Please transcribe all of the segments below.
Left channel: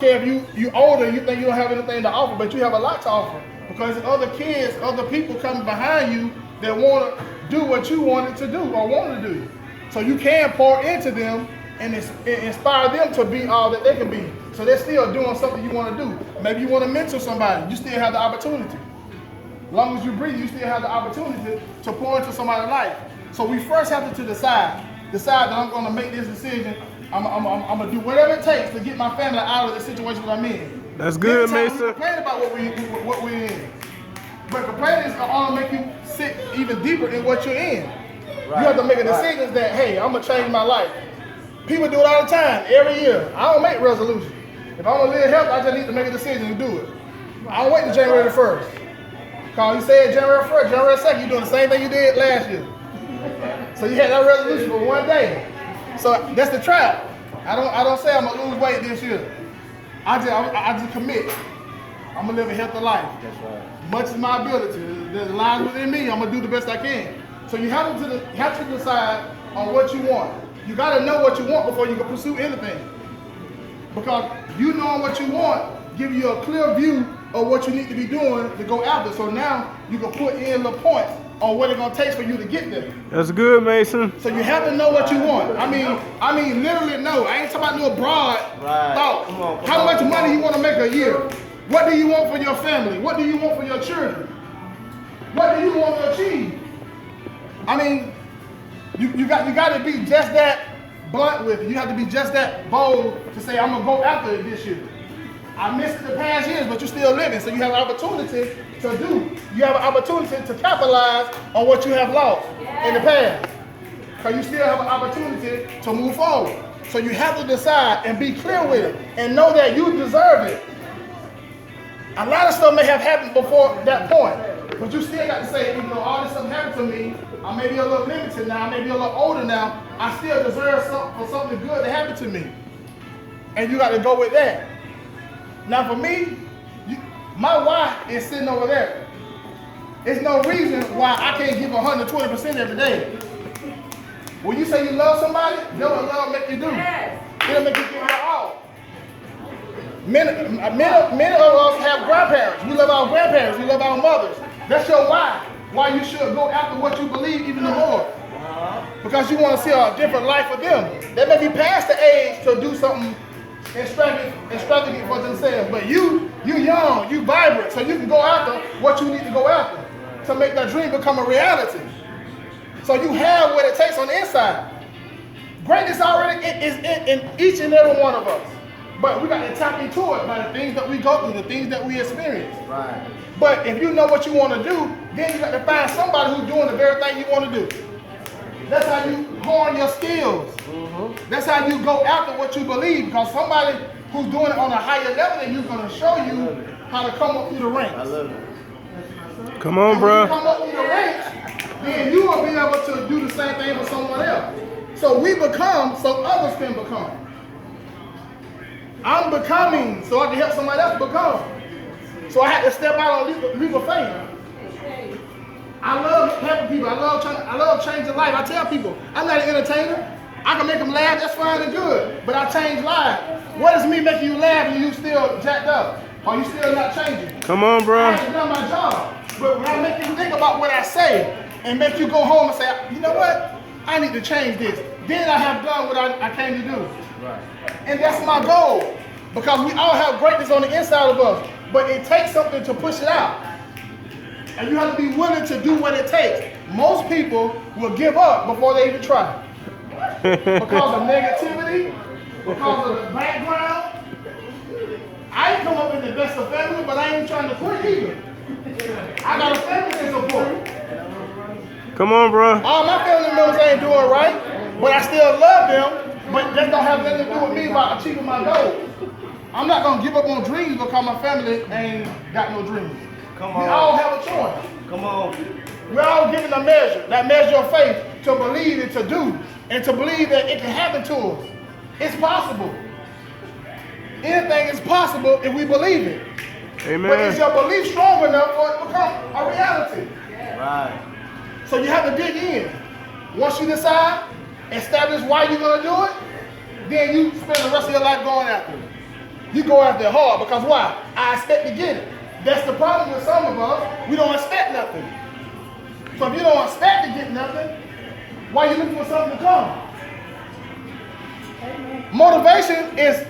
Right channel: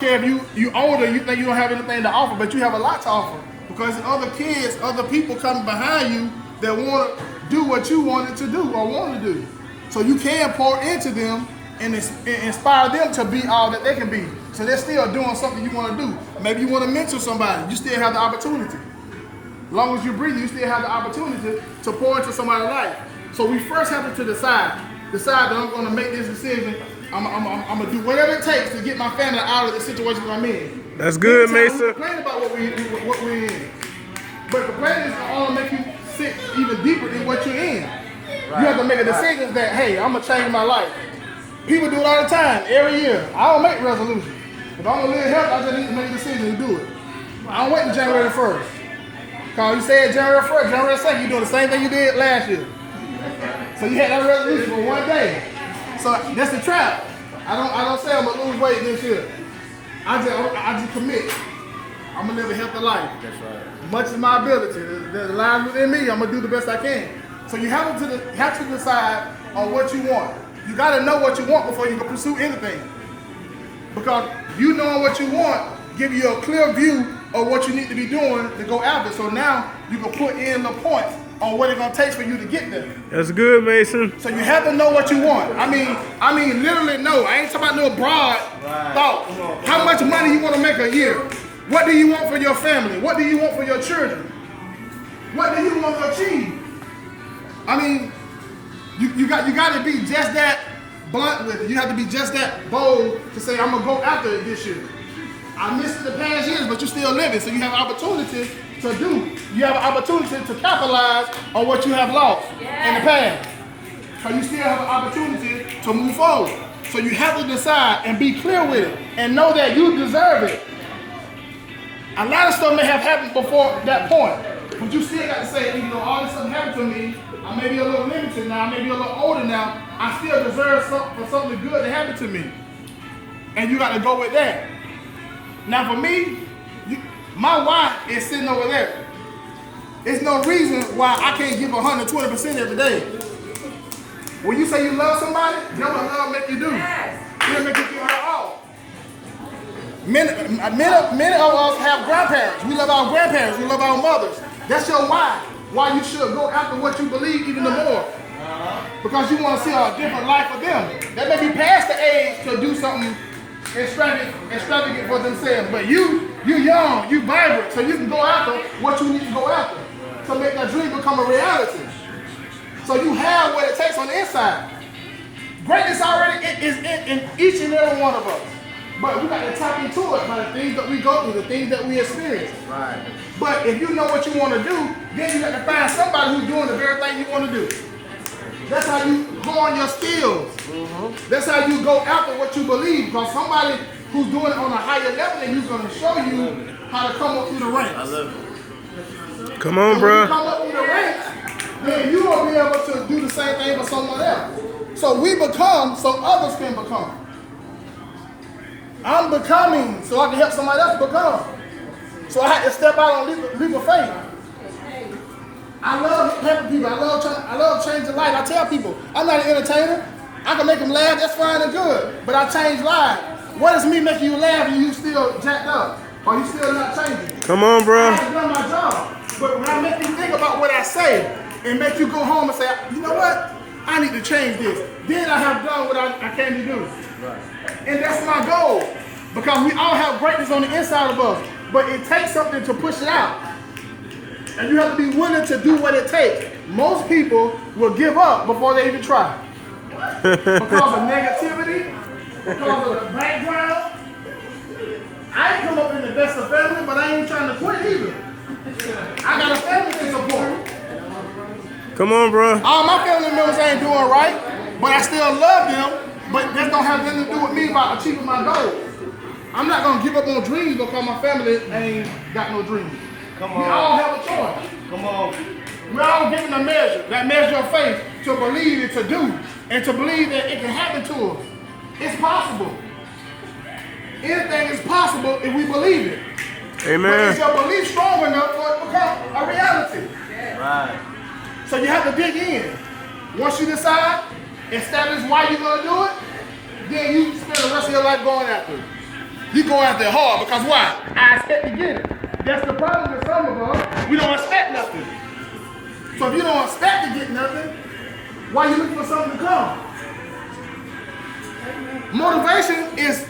If you older, you think you don't have anything to offer, but you have a lot to offer. Because other kids, other people coming behind you that want to do what you wanted to do or want to do. So you can pour into them and inspire them to be all that they can be. So they're still doing something you want to do. Maybe you want to mentor somebody. You still have the opportunity. As long as you breathe, you still have the opportunity to pour into somebody's life. So we first have to decide that I'm going to make this decision. I'm gonna do whatever it takes to get my family out of the situation that I'm in. That's good, Mason. We complain about what we're in, but complaining is gonna make you sit even deeper in what you're in. Right. You have to make a decision that, hey, I'm gonna change my life. People do it all the time, every year. I don't make resolutions. If I'm gonna live healthy, I just need to make a decision and do it. I don't wait until January 1st. Cause you said January 1st, January 2nd, you're doing the same thing you did last year. So you had that resolution for one day. So that's the trap. I don't say I'm gonna lose weight this year. I just commit. I'm gonna live a healthy life. That's right. Much as my ability, that lies within me, I'm gonna do the best I can. So you have to decide on what you want. You gotta know what you want before you can pursue anything. Because you knowing what you want give you a clear view of what you need to be doing to go after. So now you can put in the points on what it's gonna take for you to get there. That's good, Mason. So you have to know what you want. I mean, literally know. I ain't talking about no broad thought. How much money you want to make a year? What do you want for your family? What do you want for your children? What do you want to achieve? I mean, you got to be just that blunt with it. You have to be just that bold to say, I'm gonna go after it this year. I missed it the past years, but you're still living, so you have an opportunity to do. You have an opportunity to capitalize on what you have lost in the past. Because you still have an opportunity to move forward. So you have to decide and be clear with it and know that you deserve it. A lot of stuff may have happened before that point, but you still got to say, even though all this stuff happened to me, I may be a little limited now, I may be a little older now, I still deserve something good to happen to me. And you got to go with that. Now for me, my why is sitting over there. There's no reason why I can't give 120% every day. When you say you love somebody, you know what love make you do. It'll make you give her all. Many of us have grandparents. We love our grandparents. We love our mothers. That's your why. Why you should go after what you believe even more. Because you want to see a different life for them. They may be past the age to do something extravagant for themselves, but you young, you vibrant, so you can go after what you need to go after to make that dream become a reality. So you have what it takes on the inside. Greatness already is in each and every one of us, but we got to tap into it by the things that we go through, the things that we experience. Right. But if you know what you want to do, then you got to find somebody who's doing the very thing you want to do. That's how you hone your skills. That's how you go after what you believe. Because somebody who's doing it on a higher level than you is going to show you how to come up through the ranks. I love it. Come on, bro. When you come up through the ranks, then you will be able to do the same thing for someone else. So we become so others can become. I'm becoming so I can help somebody else become. So I had to step out on leap of faith. I love helping people. I love changing life. I tell people, I'm not an entertainer. I can make them laugh, that's fine and good. But I change lives. What is me making you laugh and you still jacked up? Or you still not changing? Come on, bro. I have done my job. But when I make you think about what I say and make you go home and say, you know what? I need to change this. Then I have done what I came to do. Right. And that's my goal. Because we all have greatness on the inside of us. But it takes something to push it out. And you have to be willing to do what it takes. Most people will give up before they even try. Because of negativity, because of the background. I ain't come up in the best of family, but I ain't trying to quit either. I got a family to support. Come on, bro. All my family members ain't doing right, but I still love them, but that don't have nothing to do with me about achieving my goals. I'm not going to give up on dreams because my family ain't got no dreams. Come on. We all have a choice. Come on. We're all given a measure, that measure of faith to believe and to do, and to believe that it can happen to us. It's possible. Anything is possible if we believe it. Amen. But is your belief strong enough for it to become a reality? Right. So you have to dig in. Once you decide, establish why you're going to do it, then you spend the rest of your life going after it. You go after it hard because why? I expect to get it. That's the problem with some of us. We don't expect nothing. So if you don't expect to get nothing, why are you looking for something to come? Motivation is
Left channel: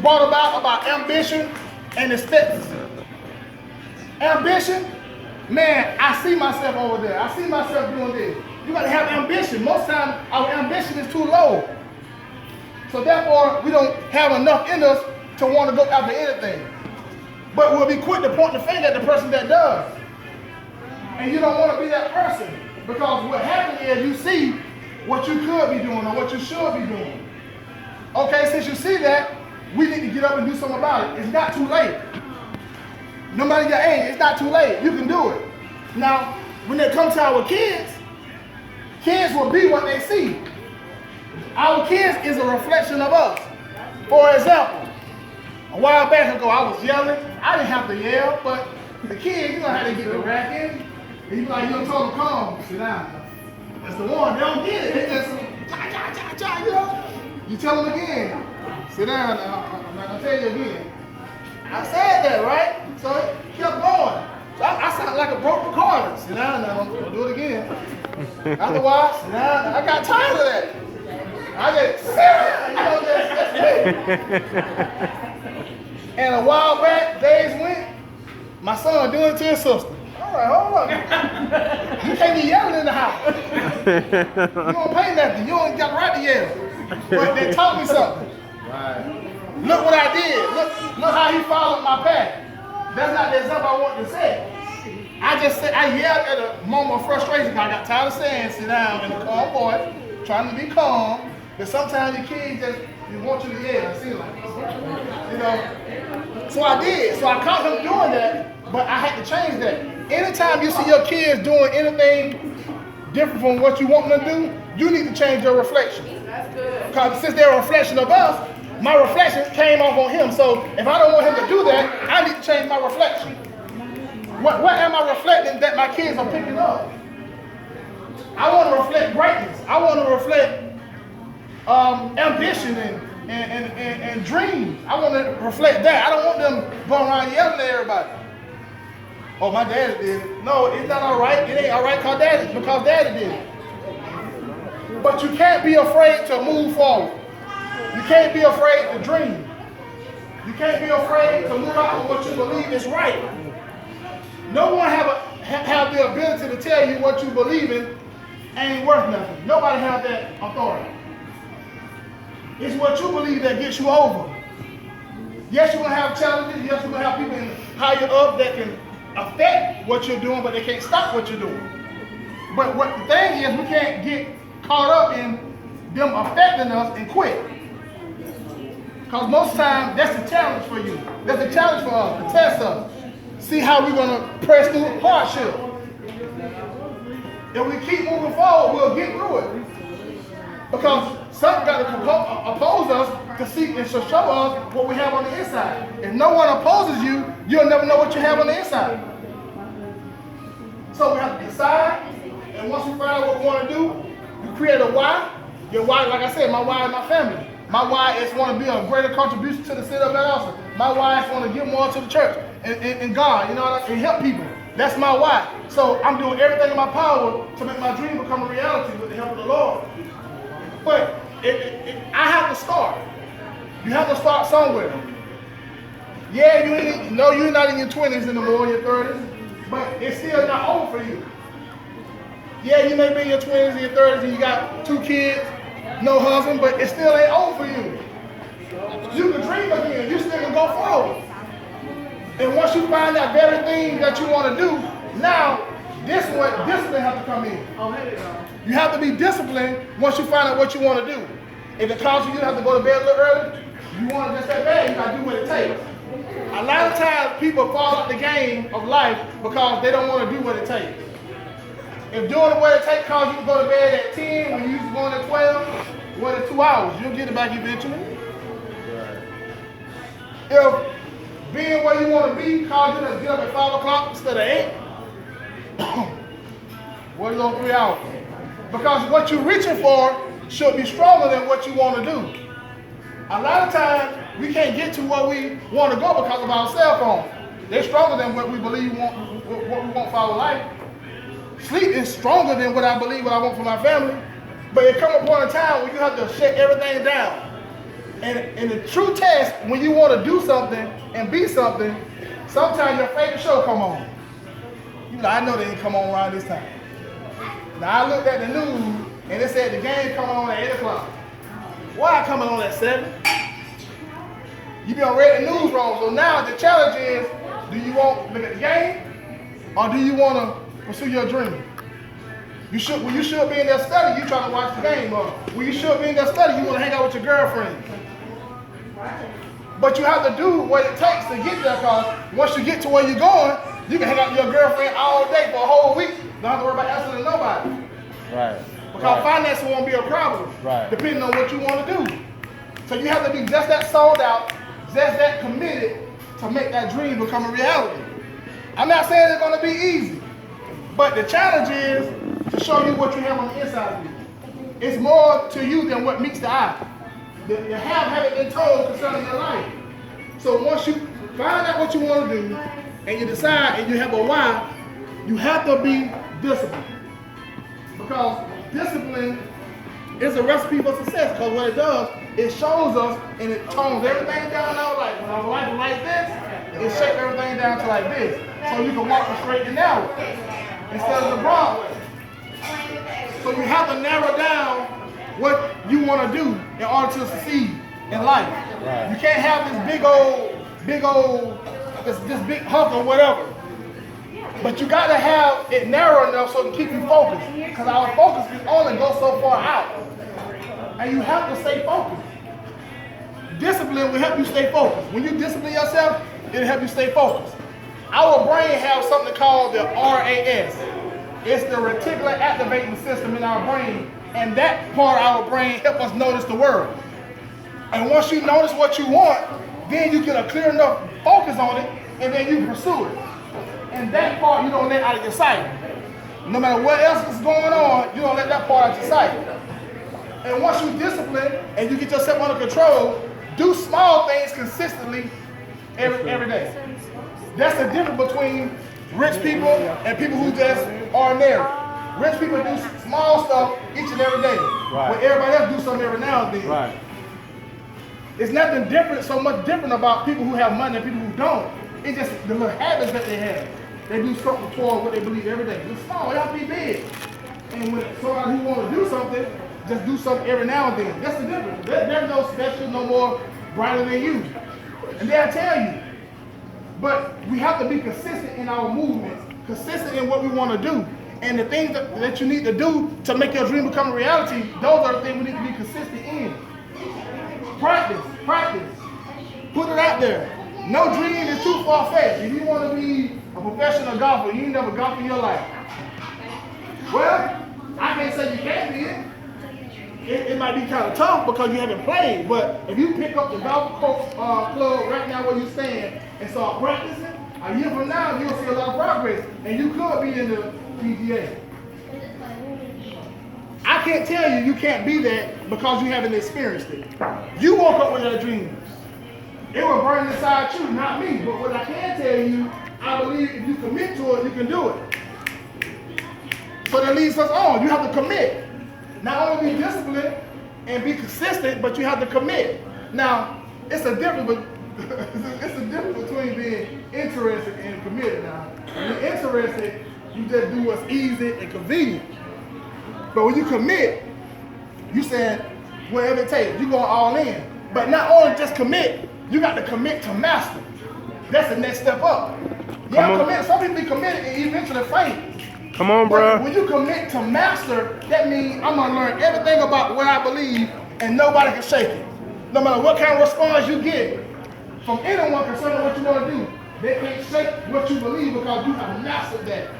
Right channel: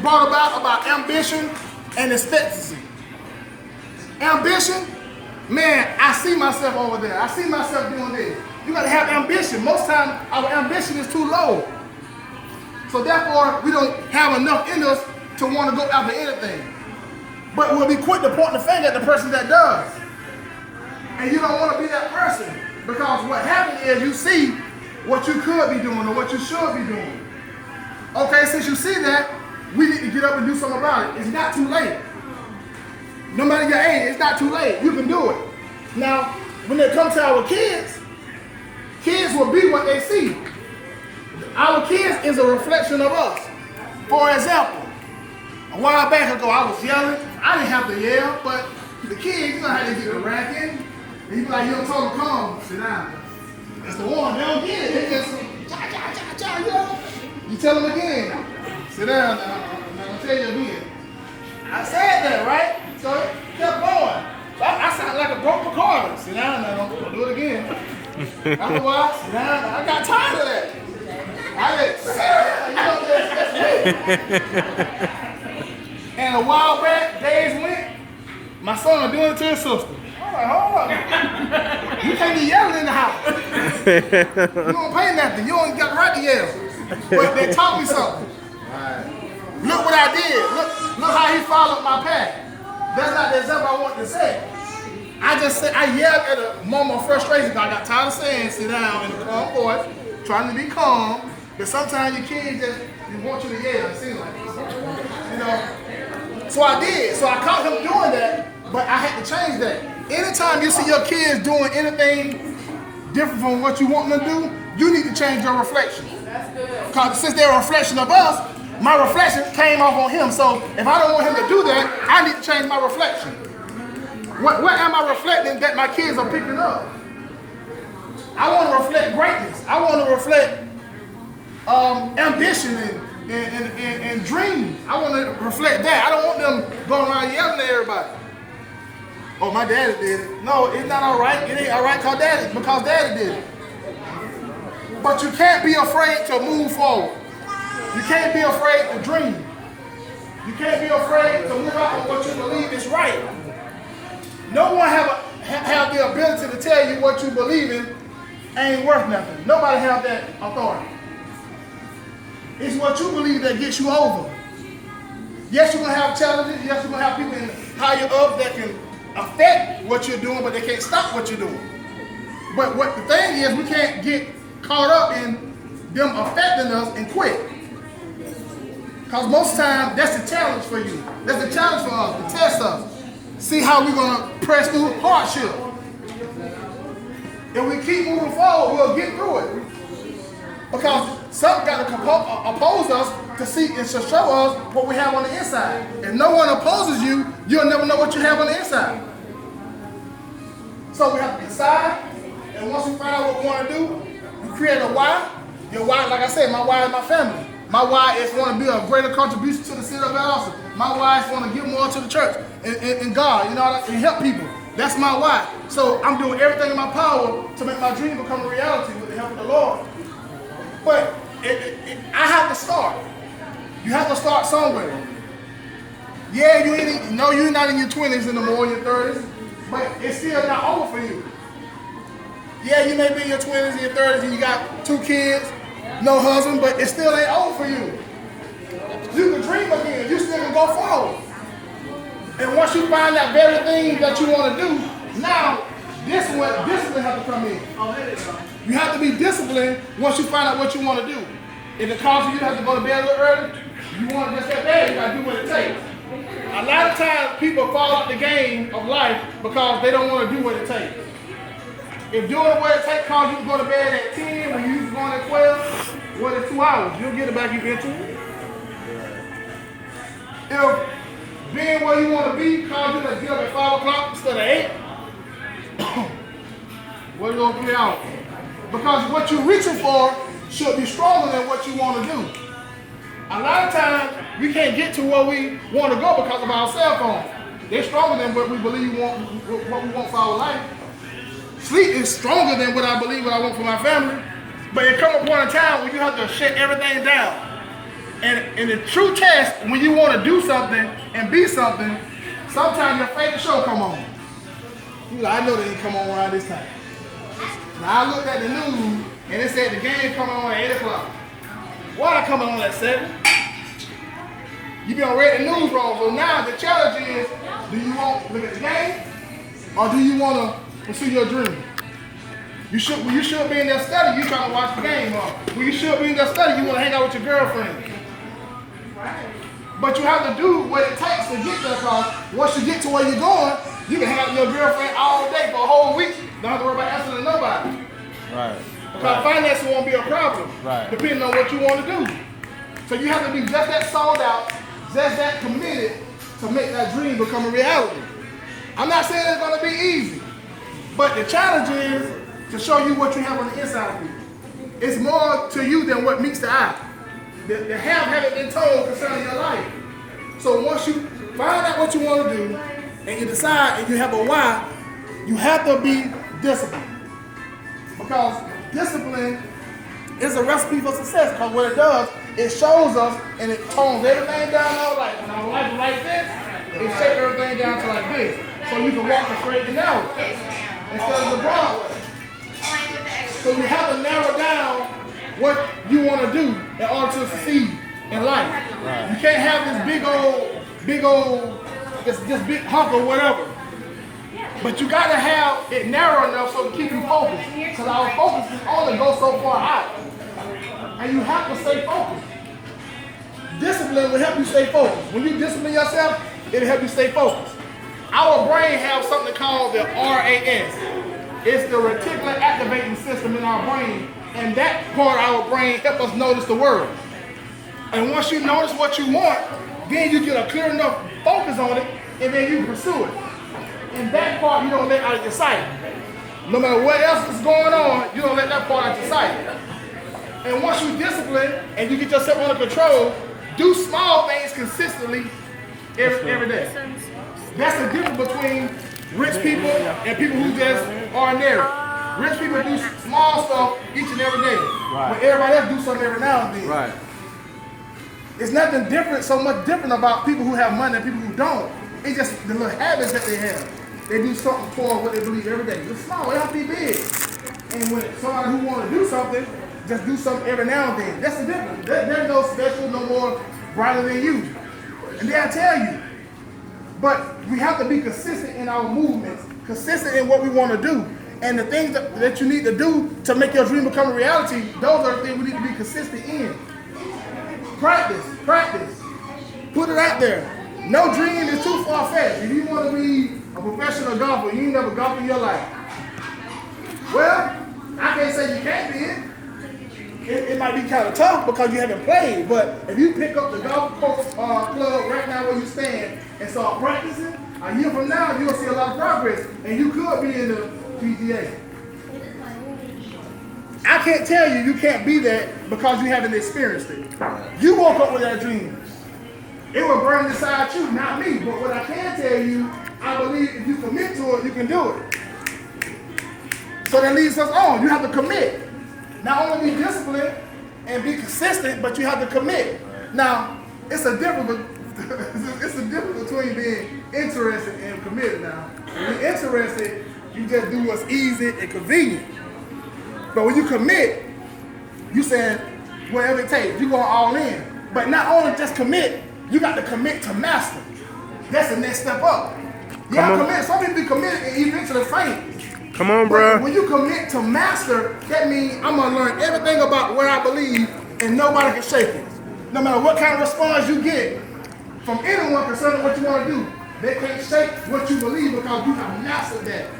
brought about ambition and expectancy. Ambition, man, I see myself over there. I see myself doing this. You gotta have ambition. Most times our ambition is too low. So therefore, we don't have enough in us to want to go after anything. But we'll be quick to point the finger at the person that does. And you don't want to be that person. Because what happens is you see what you could be doing or what you should be doing. Okay, since you see that, we need to get up and do something about it. It's not too late. No matter your age, it's not too late. You can do it. Now, when it comes to our kids will be what they see. Our kids is a reflection of us. For example, a while back ago, I was yelling. I didn't have to yell, but the kids, you know how they get the racket. And you be like, you don't tell them, come, sit down. That's the one. They don't get it. They just, you know. You tell them again, sit down. I'm not going to tell you again. I said that, right? So it kept going. So I sounded like a broken recorder. Sit down now, don't do it again. After a while, sit down. I got tired of that. I just, sit down. You know, that's And a while back, days went, my son was doing it to his sister. I'm like, hold up. You can't be yelling in the house. You don't pay nothing. You ain't got the right to yell. But they taught me something. Right. Look what I did. Look how he followed my path. That's not the example I want to say. I just said, I yelled at a moment of frustration. I got tired of saying, sit down in a calm voice, trying to be calm. But sometimes your kids just want you to yell. It seems like, you know. So I did. So I caught him doing that, but I had to change that. Anytime you see your kids doing anything different from what you want them to do, you need to change your reflection. Because since they're a reflection of us, my reflection came off on him. So if I don't want him to do that, I need to change my reflection. What am I reflecting that my kids are picking up? I want to reflect greatness. I want to reflect ambition and dreams. I want to reflect that. I don't want them going around yelling at everybody. Oh, my daddy did it. No, it's not all right. It ain't all right because daddy did it. But you can't be afraid to move forward. You can't be afraid to dream. You can't be afraid to move out on what you believe is right. No one have the ability to tell you what you believe in ain't worth nothing. Nobody have that authority. It's what you believe that gets you over. Yes, you're going to have challenges. Yes, you're going to have people higher up that can affect what you're doing, but they can't stop what you're doing. But what the thing is, we can't get caught up in them affecting us and quit. Because most times, that's the challenge for you. That's the challenge for us, to test us. See how we're going to press through hardship. If we keep moving forward, we'll get through it. Because something got to oppose us to see and to show us what we have on the inside. If no one opposes you, you'll never know what you have on the inside. So we have to decide, and once we find out what we want to do, we create a why. Your why, like I said, my why is my family. My why is want to be a greater contribution to the city of Valdosta. My why is want to give more to the church and God, you know, and help people. That's my why. So I'm doing everything in my power to make my dream become a reality with the help of the Lord. But I have to start. You have to start somewhere. Yeah, you're not in your 20s anymore, your 30s, but it's still not over for you. Yeah, you may be in your 20s and your 30s and you got 2 kids, no husband, but it still ain't over for you. You can dream again. You still can go forward. And once you find that very thing that you want to do, now discipline has to come in. You have to be disciplined once you find out what you want to do. If it causes you to have to go to bed a little early, you want to just that bad, you got to do what it takes. A lot of times people fall out the game of life because they don't want to do what it takes. If doing what it takes causes you to go to bed at 10 when you going at 12, what is 2 hours? You'll get it back eventually. If being where you want to be causes you to get up at 5 o'clock instead of 8, what are you going to 3 hours? Because what you're reaching for should be stronger than what you want to do. A lot of times, we can't get to where we want to go because of our cell phone. They're stronger than what we believe what we want for our life. Sleep is stronger than what I believe what I want for my family. But it comes a point in time where you have to shut everything down. And the true test, when you want to do something and be something, sometimes your favorite show come on. You like, I know they ain't come on around this time. Now I looked at the news and it said the game coming on at 8 o'clock. Why coming on at 7? You done read the news wrong. So now the challenge is, do you want to look at the game or do you want to pursue your dream? When you should be in there study, you trying to watch the game. When you should be in there study, you want to hang out with your girlfriend. But you have to do what it takes to get there, because once you get to where you're going, you can hang out with your girlfriend all day for a whole week. Don't have to worry about answering to nobody. Right. Because financing won't be a problem, depending on what you want to do. So you have to be just that sold out, just that committed to make that dream become a reality. I'm not saying it's going to be easy, but the challenge is to show you what you have on the inside of you. It's more to you than what meets the eye. The haven't been told concerning your life. So once you find out what you want to do, and you decide and you have a why, you have to be disciplined. Because discipline is a recipe for success. Because what it does, it shows us and it tones everything down our life. When our life is like this, it shapes everything down to like this. So you can walk the straight and narrow instead of the broad way. So you have to narrow down what you want to do in order to succeed in life. Right. You can't have this this big hunk or whatever. But you got to have it narrow enough so to keep you focused. Because our focus is only go so far out. And you have to stay focused. Discipline will help you stay focused. When you discipline yourself, it'll help you stay focused. Our brain has something called the RAS. It's the reticular activating system in our brain. And that part of our brain helps us notice the world. And once you notice what you want, then you get a clear enough focus on it, and then you pursue it. And that part you don't let out of your sight. No matter what else is going on, you don't let that part out of your sight. And once you discipline and you get yourself under control, do small things consistently every day. That's the difference between rich people and people who just ordinary. Rich people do small stuff each and every day. But everybody else do something every now and then. Right. It's nothing different, so much different about people who have money and people who don't. It's just the little habits that they have. They do something for what they believe every day. It's small, it has to be big. And when somebody who wants to do something, just do something every now and then. That's the difference. There's no special, no more brighter than you. And they'll tell you. But we have to be consistent in our movements, consistent in what we want to do. And the things that you need to do to make your dream become a reality, those are the things we need to be consistent in. Practice. Put it out there. No dream is too far-fetched. If you want to be a professional golfer, you ain't never golfed in your life. Well, I can't say you can't be it. It might be kind of tough because you haven't played, but if you pick up the golf club right now where you stand and start practicing, a year from now you'll see a lot of progress, and you could be in the PGA. I can't tell you can't be that because you haven't experienced it. You woke up with that dream. It will burn inside you, not me. But what I can tell you, I believe if you commit to it, you can do it. So that leads us on. You have to commit. Not only be disciplined and be consistent, but you have to commit. Now, it's a difference between being interested and committed now. When you're interested, you just do what's easy and convenient. But when you commit, you saying whatever it takes, you going all in. But not only just commit, you got to commit to master. That's the next step up. You have to commit. Some people be committed and eventually faint. Come on, bro. When you commit to master, that means I'm going to learn everything about what I believe and nobody can shake it. No matter what kind of response you get from anyone concerning what you want to do, they can't shake what you believe because you have mastered that.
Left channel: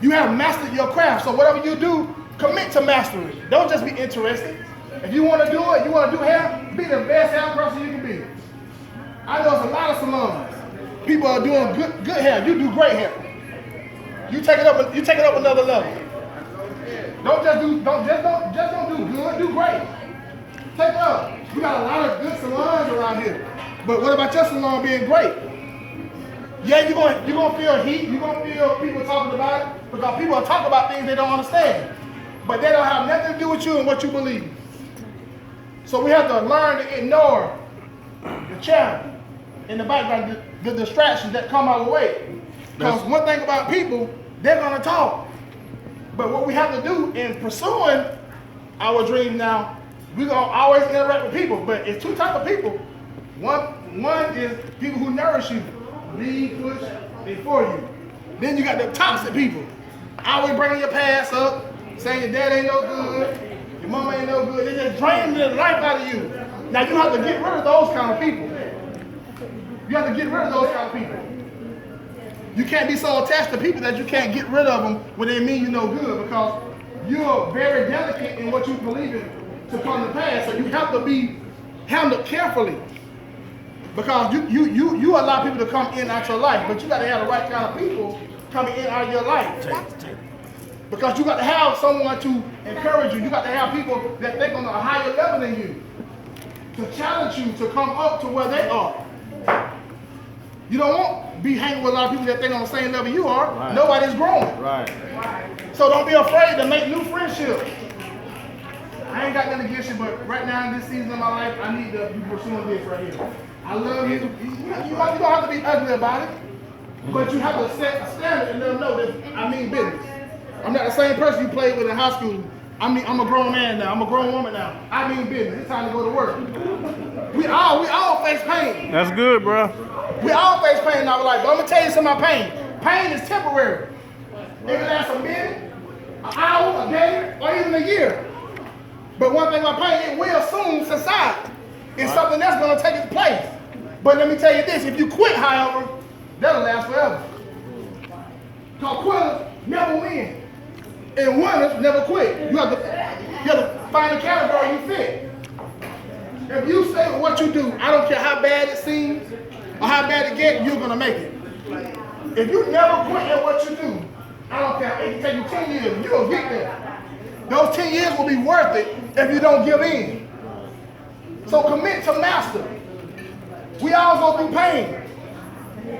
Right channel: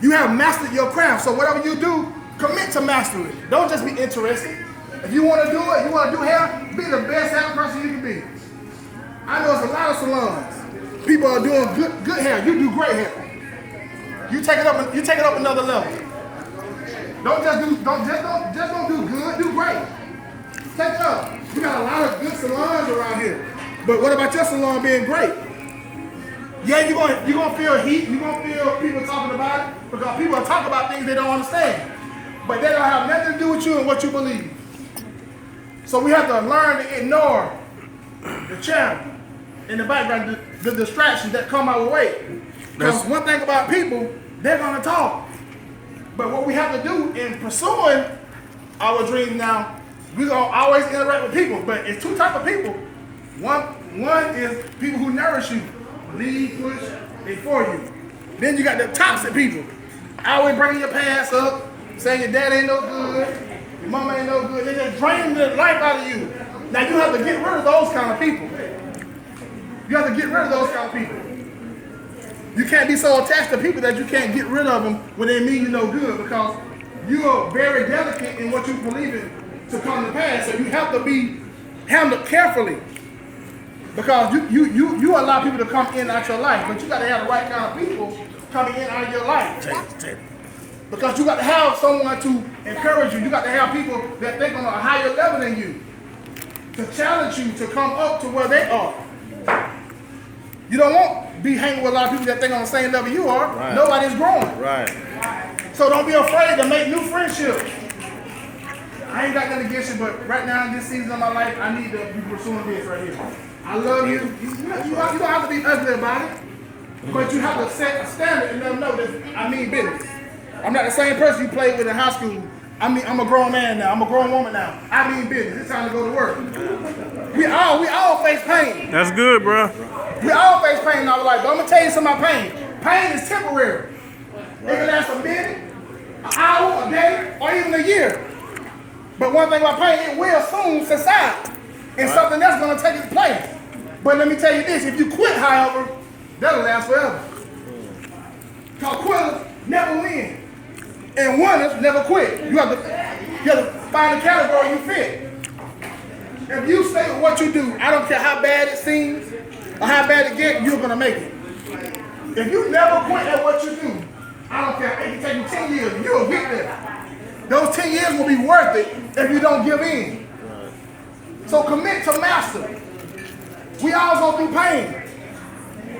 You have mastered your craft. So whatever you do, commit to master it. Don't just be interested. If you want to do it, you want to do hair, be the best hair person you can be. I know there's a lot of salons. People are doing good hair. You do great hair. You take it up another level. Don't do good, do great. Take it up. We got a lot of good salons around here. But what about your salon being great? Yeah, you're gonna feel heat, you're gonna feel people talking about it, because people are talking about things they don't understand. But they don't have nothing to do with you and what you believe. So we have to learn to ignore the channel in the background, the distractions that come our way. Because one thing about people, they're gonna talk. But what we have to do in pursuing our dreams now, we're gonna always interact with people. But it's two types of people. One is people who nourish you, lead, push, and for you. Then you got the toxic people. Always bringing your past up, saying your dad ain't no good, your mama ain't no good. They just draining the life out of you. Now you have to get rid of those kind of people. You have to get rid of those kind of people. You can't be so attached to people that you can't get rid of them when they mean you no good, because you are very delicate in what you believe in to come to pass. So you have to be handled carefully, because you allow people to come in and out your life, but you got to have the right kind of people coming in and out of your life. Because you got to have someone to encourage you. You got to have people that think on a higher level than you, to challenge you to come up to where they are. You don't want to be hanging with a lot of people that think on the same level you are. Right. Nobody's growing. Right. So don't be afraid to make new friendships. I ain't got nothing against you, but right now in this season of my life, I need to be pursuing this right here. I love you. You don't have to be ugly about it, but you have to set a standard and let them know that I mean business. I'm not the same person you played with in high school. I'm a grown man now. I'm a grown woman now. I mean business. It's time to go to work. We all face pain. That's good, bro. We all face pain in our life, but I'm gonna tell you some of my pain. Pain is temporary. It can last a minute, an hour, a day, or even a year. But one thing about pain, it will soon subside, and something else gonna take its place. But let me tell you this: if you quit, however, that'll last forever. Because quitters never win, and winners never quit. You have to find the category you fit. If you stay with what you do, I don't care how bad it seems or how bad it gets, you're gonna make it. If you never quit at what you do, I don't care. It can take you 10 years, you'll get there. Those 10 years will be worth it if you don't give in. So commit to master. We all go through pain.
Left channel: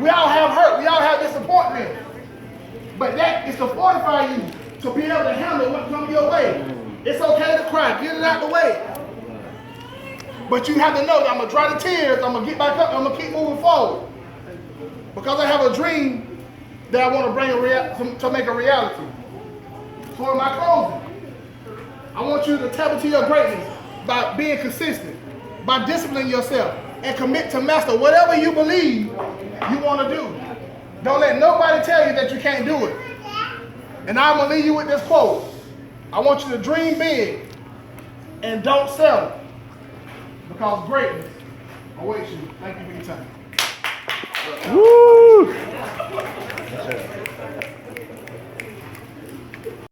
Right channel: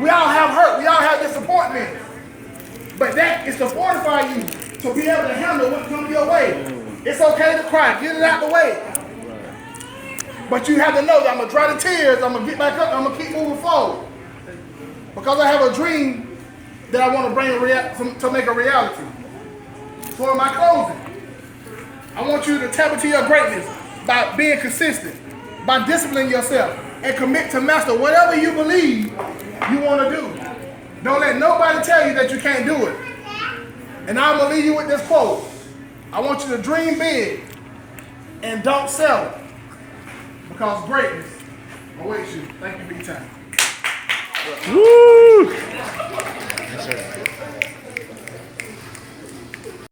We all have hurt. We all have disappointment. But that is to fortify you to be able to handle what comes your way. It's okay to cry. Get it out the way. But you have to know that I'm going to dry the tears. I'm going to get back up. I'm going to keep moving forward. Because I have a dream that I want to bring to make a reality. So in my closing, I want you to tap into your greatness by being consistent, by disciplining yourself, and commit to master whatever you believe you want to do. Don't let nobody tell you that you can't do it. And I'm going to leave you with this quote. I want you to dream big and don't settle, because greatness awaits you. Thank you for your time. Woo!